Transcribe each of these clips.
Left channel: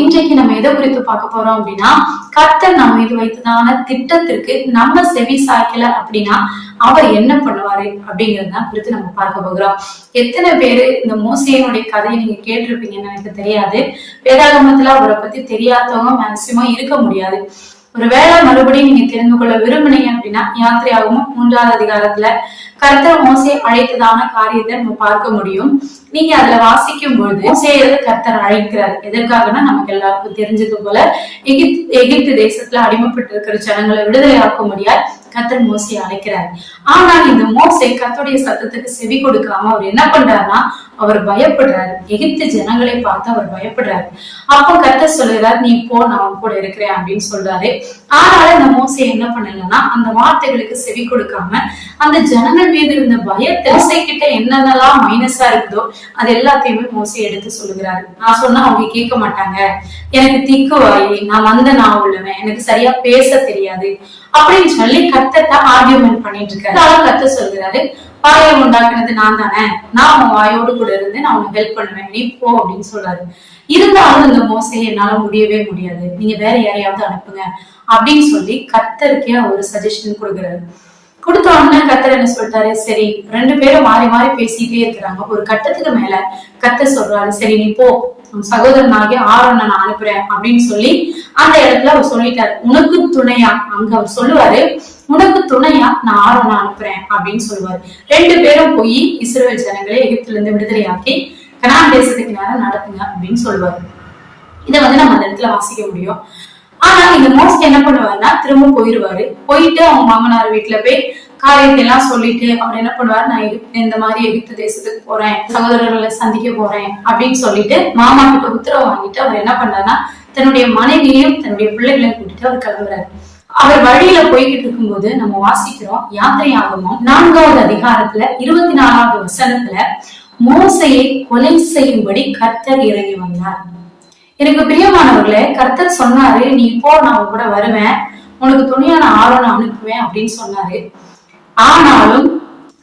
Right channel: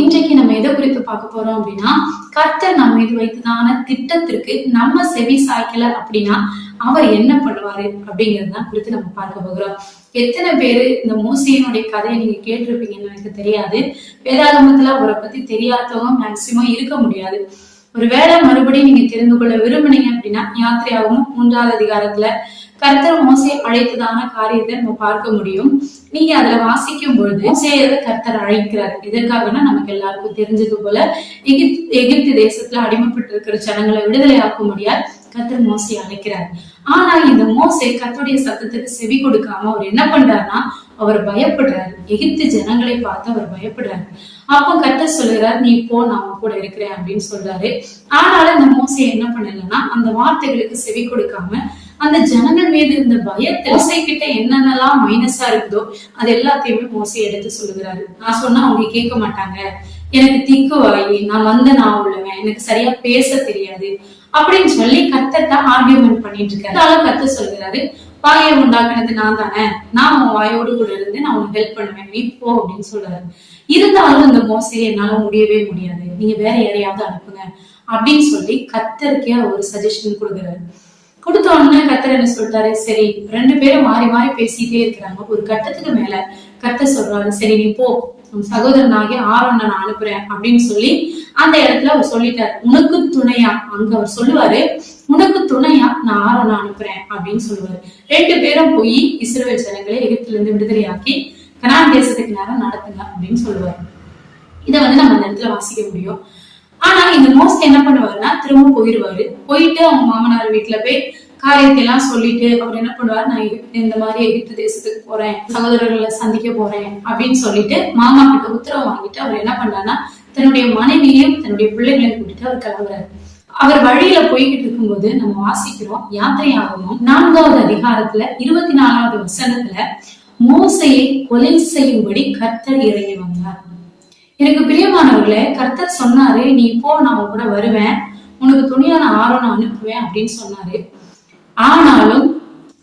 இன்றைக்கு நம்ம எதை குறித்து பார்க்க போறோம் அப்படின்னா, கர்த்தர் நம்ம இது வைத்ததான திட்டத்திற்கு நம்ம செவி சாய்க்கல அப்படின்னா அவர் என்ன பண்ணுவாரு அப்படிங்கறதுதான் குறித்து நம்ம பார்க்க போகிறோம். எத்தனை பேரு இந்த மோசேயினுடைய கதையை நீங்க கேட்டிருப்பீங்கன்னு எனக்கு தெரியாது. வேதாகமத்துல அவரை பத்தி தெரியாதவங்க மேக்சிமம் இருக்க முடியாது. ஒருவேளை மறுபடியும் நீங்க தெரிந்து கொள்ள விரும்புனீங்க அப்படின்னா, யாத்திரையாகவும் 3வது அதிகாரத்துல கர்த்தர் மோசே அழைத்ததான காரியத்தை நம்ம பார்க்க முடியும். நீங்க அதுல வாசிக்கும் பொழுது மோசேயை கர்த்தர் அழைக்கிறார். எதற்காகனா, நமக்கு எல்லாருக்கும் தெரிஞ்சது போல எகிப்து தேசத்துல அடிமைப்பட்டு இருக்கிற ஜனங்களை விடுதலை ஆக்க முடியாது கர்த்தர் மோசையை அழைக்கிறார். ஆனா இந்த மோசே கர்த்தருடைய சத்தத்துக்கு செவி கொடுக்காம அவர் என்ன பண்றாருன்னா, அவர் பயப்படுறாரு. எகிப்து ஜனங்களை பார்த்து அவர் பயப்படுறாரு. அப்போ கர்த்தர் சொல்லுகிறார், நீ போ, நான் அவன் கூட இருக்கிறேன் அப்படின்னு சொல்றாரு. ஆனாலும் இந்த மோசே என்ன பண்ணலன்னா, அந்த வார்த்தைகளுக்கு செவி கொடுக்காம அந்த ஜனங்கள் மீது இருந்த பயத்தை மோசே கிட்ட என்னென்னலாம் மைனஸா இருக்குதோ அது எல்லாத்தையுமே மோசே எடுத்து சொல்லுகிறாரு. நான் சொன்னா அவங்க கேட்க மாட்டாங்க, எனக்கு திக்கு வாயி, நான் வந்த நான் உள்ளவன், எனக்கு சரியா பேச தெரியாது அப்படின்னு சொல்லி கர்த்தர்ட்ட ஆர்கியூமெண்ட் பண்ணிட்டு இருக்காரு. கர்த்தர் சொல்கிறாரு, வாயை உண்டாக்குனது நான் தானே, நான் உன் வாயோடு கூட இருந்து நான் உனக்கு ஹெல்ப் பண்ணுவேன், நீ போ அப்படின்னு சொல்றாரு. இருந்தாலும் இந்த மோசையை என்னால முடியவே முடியாது, நீங்க வேற யாரையாவது அனுப்புங்க அப்படின்னு சொல்லி கர்த்தருக்கே ஒரு சஜஷன் கொடுக்குறாரு. கொடுத்த உடனே கர்த்தர் என்ன சொல்லிட்டாரு, சரி 2 பேரும் மாறி மாறி பேசிட்டே இருக்கிறாங்க. ஒரு கட்டத்துக்கு மேல கர்த்தர் சொல்றாரு, சரி நீ போ, சகோதரனாகிய ஆரோனை நான் அனுப்புறேன் அப்படின்னு சொல்லி அந்த இடத்துல அவர் சொல்லிட்டாரு. உனக்கு துணையா, அங்க அவர் சொல்லுவாரு, உனக்கு துணையா நான் ஆரோனை அனுப்புறேன் அப்படின்னு சொல்லுவாரு. 2 பேரும் போய் இஸ்ரவேல் ஜனங்களை எகிப்துல இருந்து விடுதலையாக்கி கனான் தேசத்துக்கு நேரம் நடத்துங்க அப்படின்னு சொல்லுவாரு. இதை நம்ம அந்த இடத்துல வாசிக்க முடியும். ஆனா இந்த மோசே என்ன பண்ணுவாருன்னா, திரும்ப போயிருவாரு. போயிட்டு அவங்க மாமனார் வீட்டுல போய் காரியத்தை எல்லாம் சொல்லிட்டு அவர் என்ன பண்ணுவாரு, நான் இந்த மாதிரி எகிப்து தேசத்துக்கு போறேன், சகோதரர்களை சந்திக்க போறேன் அப்படின்னு சொல்லிட்டு மாமா கிட்ட உத்தரவு வாங்கிட்டு அவர் என்ன பண்றாருன்னா, தன்னுடைய மனைவியையும் தன்னுடைய பிள்ளைகளையும் கூட்டிட்டு அவர் கிளம்புறாரு. அவர் வழியில போய்கிட்டு இருக்கும்போது நம்ம வாசிக்கிறோம், யாத்திரையாகமம் 4வது அதிகாரத்துல 24வது வசனத்துல மோசையை கொலை செய்யும்படி கர்த்தர் இறங்கி வந்தார். எனக்கு பிரியமானவர்களே, கர்த்தர் சொன்னாரு, நீ போ, நான் உன் கூட வருவேன், உனக்கு துணியான ஆரோனை அனுப்புவேன் அப்படின்னு சொன்னாரு. ஆனாலும்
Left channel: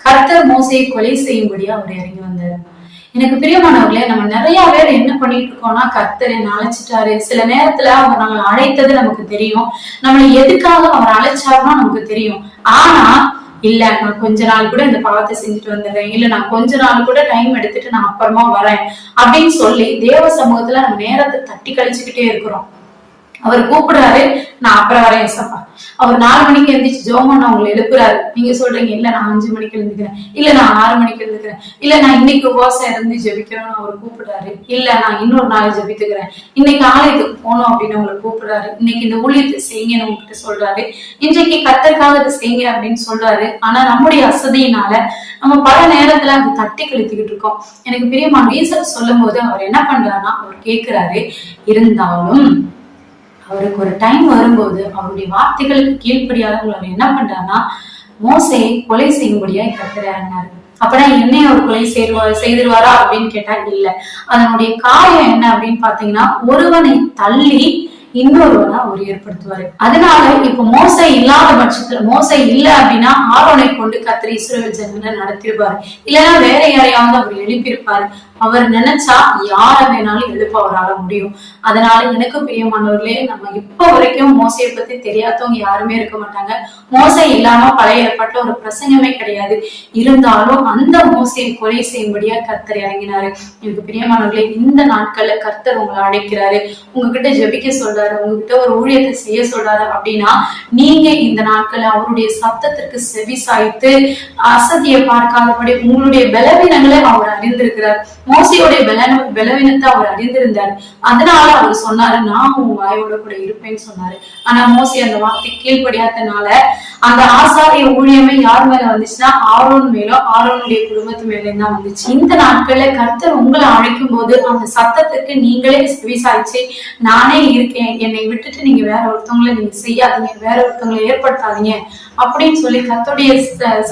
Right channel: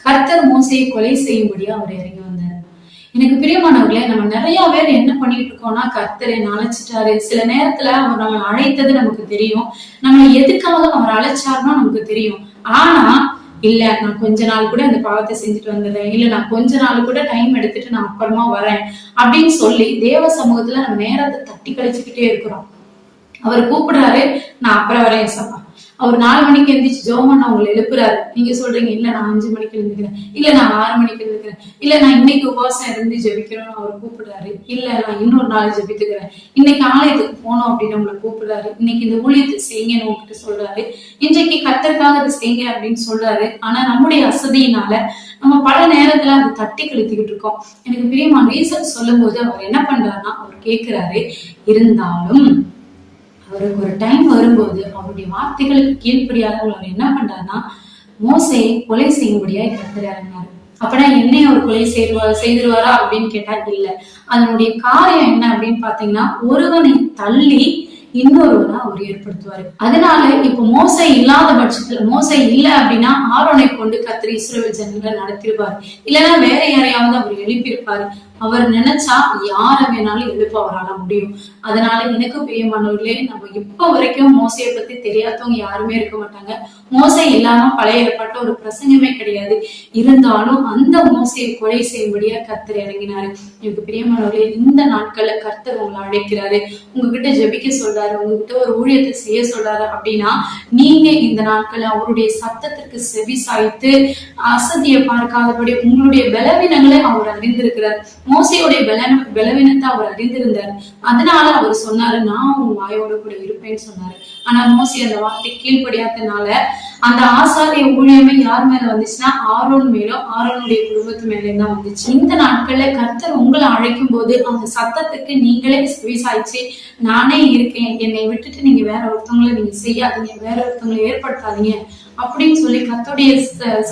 கர்த்தர் மோசையை கொலை செய்யும்படியா அவர் இறங்கி வந்தார். எனக்கு பிரியமானவர்களே, நம்ம நிறைய பேர் என்ன பண்ணிட்டு இருக்கோம்னா, கர்த்தர் என்ன அழைச்சிட்டாரு. சில நேரத்துல அவர் நம்மளை அழைத்தது நமக்கு தெரியும், நம்மளை எதுக்காக அவர் அழைச்சாருன்னா நமக்கு தெரியும். ஆனா இல்ல, நான் கொஞ்ச நாள் கூட இந்த பாவத்தை செஞ்சுட்டு வந்துடுறேன், இல்ல நான் கொஞ்ச நாள் கூட டைம் எடுத்துட்டு நான் அப்புறமா வரேன் அப்படின்னு சொல்லி தேவ சமூகத்துல நம்ம நேரத்தை தட்டி கழிச்சுக்கிட்டே இருக்கிறோம். அவர் கூப்பிடுறாரு, நான் அப்புறம் வரேன் சப்பா. அவர் 4 மணிக்கு எழுந்திரிச்சு ஜோமன் அவங்களை எழுப்புறாரு. நீங்க சொல்றீங்க, இல்ல நான் 5 மணிக்கு எழுந்துக்கிறேன், இல்ல நான் 6 மணிக்கு எழுந்துக்கிறேன், இல்ல நான் இன்னைக்கு உபவாசம் இருந்து ஜெபிக்கிறோம்னு அவர் கூப்பிடுறாரு. இல்ல நான் இன்னொரு நாள் ஜெபித்துக்கிறேன், இன்னைக்கு ஆலயத்துக்கு போனோம் அப்படின்னு உங்களை கூப்பிடுறாரு. இன்னைக்கு இந்த ஊழியத்தை செய்யுங்கன்னு உங்ககிட்ட சொல்றாரு. இன்றைக்கு கர்த்தருக்காக இதை செய்யுங்க அப்படின்னு சொல்றாரு. ஆனா நம்முடைய அசதியினால நம்ம பல நேரத்துல அதை தட்டி கழித்துக்கிட்டு இருக்கோம். எனக்கு பிரியமான ரீசன் சொல்லும் போது அவர் என்ன பண்றாருன்னா, அவர் கேட்கிறாரு, இருந்தாலும் அவருக்கு ஒரு டைம் வரும்போது அவருடைய வார்த்தைகளுக்கு கீழ்ப்படியாதவங்க அவர் என்ன பண்றாருன்னா, மோசையை கொலை செய்யும்படியா கர்த்தர் இறங்கினாரு. அப்படின்னா என்னைய அவர் கொலை செய்திருவாரா அப்படின்னு கேட்டா இல்ல. அதனுடைய காயம் என்ன அப்படின்னு பாத்தீங்கன்னா, ஒருவனை தள்ளி இன்னொருவனை அவர் ஏற்படுத்துவாரு. அதனால இப்ப மோசை இல்லாத பட்சத்துல, மோசை இல்ல அப்படின்னா ஆரோனை கொண்டு கர்த்தர் இஸ்ரவேல் ஜனங்களை நடத்திருப்பாரு, இல்லைன்னா வேற யாரையாவது அவர் எழுப்பியிருப்பாரு. அவர் நினைச்சா யார வேணாலும் எழுப்ப அவரால முடியும். அதனால எனக்கு பிரியமானவர்களே, நம்ம இப்ப வரைக்கும் மோசையை பத்தி தெரியாதவங்க யாருமே இருக்க மாட்டாங்க. மோசை இல்லாம பழைய ஏற்பட்ட ஒரு பிரசங்கமே கிடையாது. இருந்தாலும் அந்த மோசையை கொலை செய்யும்படியா கர்த்தர் இறங்கினாரு. எனக்கு பிரியமானவர்களே, இந்த நாட்கள்ல கர்த்தர் உங்களை அழைக்கிறாரு, உங்ககிட்ட ஜெபிக்க சொல்றாரு, உங்ககிட்ட ஒரு ஊழியத்தை செய்ய சொல்றாரு அப்படின்னா, நீங்க இந்த நாட்கள்ல அவருடைய சத்தத்திற்கு செவி சாய்த்து அசதியை பார்க்காதபடி உங்களுடைய பலவீனங்களை அவர் அறிந்திருக்கிறார். மோசையோடைய பலவீனத்தை அவர் அறிந்திருந்தார். அதனால அவர் சொன்னாரு, நான் உன் வாயோட கூட இருப்பேன்னு சொன்னாரு. ஆனா மோசை அந்த வார்த்தை கீழ்ப்படியாதனால அந்த ஆசாரிய ஊழியமே யார் மேல வந்துச்சுன்னா, ஆரோன் மேலும் ஆரோனுடைய குடும்பத்து மேலேயும் தான் வந்துச்சு. இந்த நாட்கள்ல கர்த்தர் உங்களை அழைக்கும் போது அந்த சத்தத்துக்கு நீங்களே செவிசாய்ச்சி, நானே இருக்கேன், என்னை விட்டுட்டு நீங்க வேற ஒருத்தவங்களை நீங்க செய்யாதீங்க, வேற ஒருத்தவங்களை ஏற்படுத்தாதீங்க அப்படின்னு சொல்லி கர்த்தருடைய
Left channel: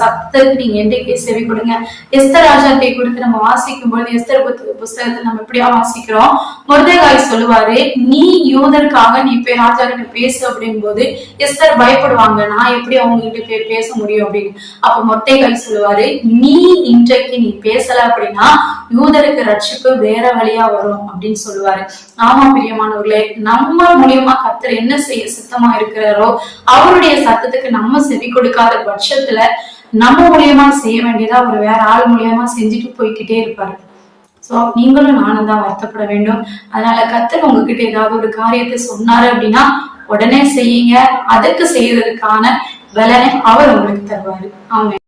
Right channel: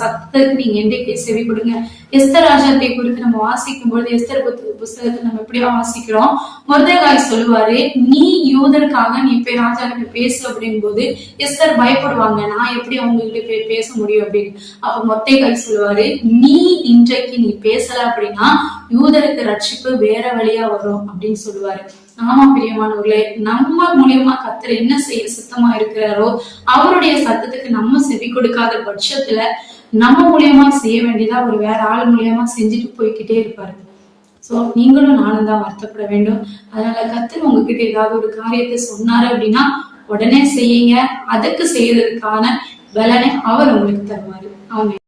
சத்தத்துக்கு நீங்க என்றைக்கே செவி கொடுங்க. எஸ்தர் ராஜாத்தை குறித்து நம்ம வாசிக்கும் பொழுது, எஸ்தர் புஸ்தகத்தை நம்ம எப்படியா வாசிக்கிறோம், மொர்தெகாய் சொல்லுவாரு, நீ யூதருக்காக நீ போய் ராஜா கிட்ட பேசு அப்படின் போது எஸ்தர் பயப்படுவாங்க, நான் எப்படி அவங்க கிட்ட போய் பேச முடியும் அப்படின்னு. அப்ப மொர்தெகாய் சொல்லுவாரு, நீ இன்றைக்கு நீ பேசல அப்படின்னா யூதருக்கு ரட்சிப்பு வேற வழியா வரும் அப்படின்னு சொல்லுவாரு. ஆமா பிரியமானவர்களே, நம்ம மூலியமா கர்த்தர் என்ன செய்ய சித்தமா இருக்கிறாரோ அவருடைய சத்தத்துக்கு நம்ம செவி கொடுக்காத பட்சத்துல நம்ம மூலியமா செய்ய வேண்டியதா ஒரு வேற ஆள் மூலியமா செஞ்சுட்டு போய்கிட்டே இருப்பாரு. சோ நீங்களும் நானும் தான் வருத்தப்பட வேண்டும். அதனால கர்த்தர் உங்ககிட்ட ஏதாவது ஒரு காரியத்தை சொன்னாரு அப்படின்னா உடனே செய்யுங்க. அதற்கு செய்யறதுக்கான பலனை அவர் உங்களுக்கு தருவாரு. ஆமென்.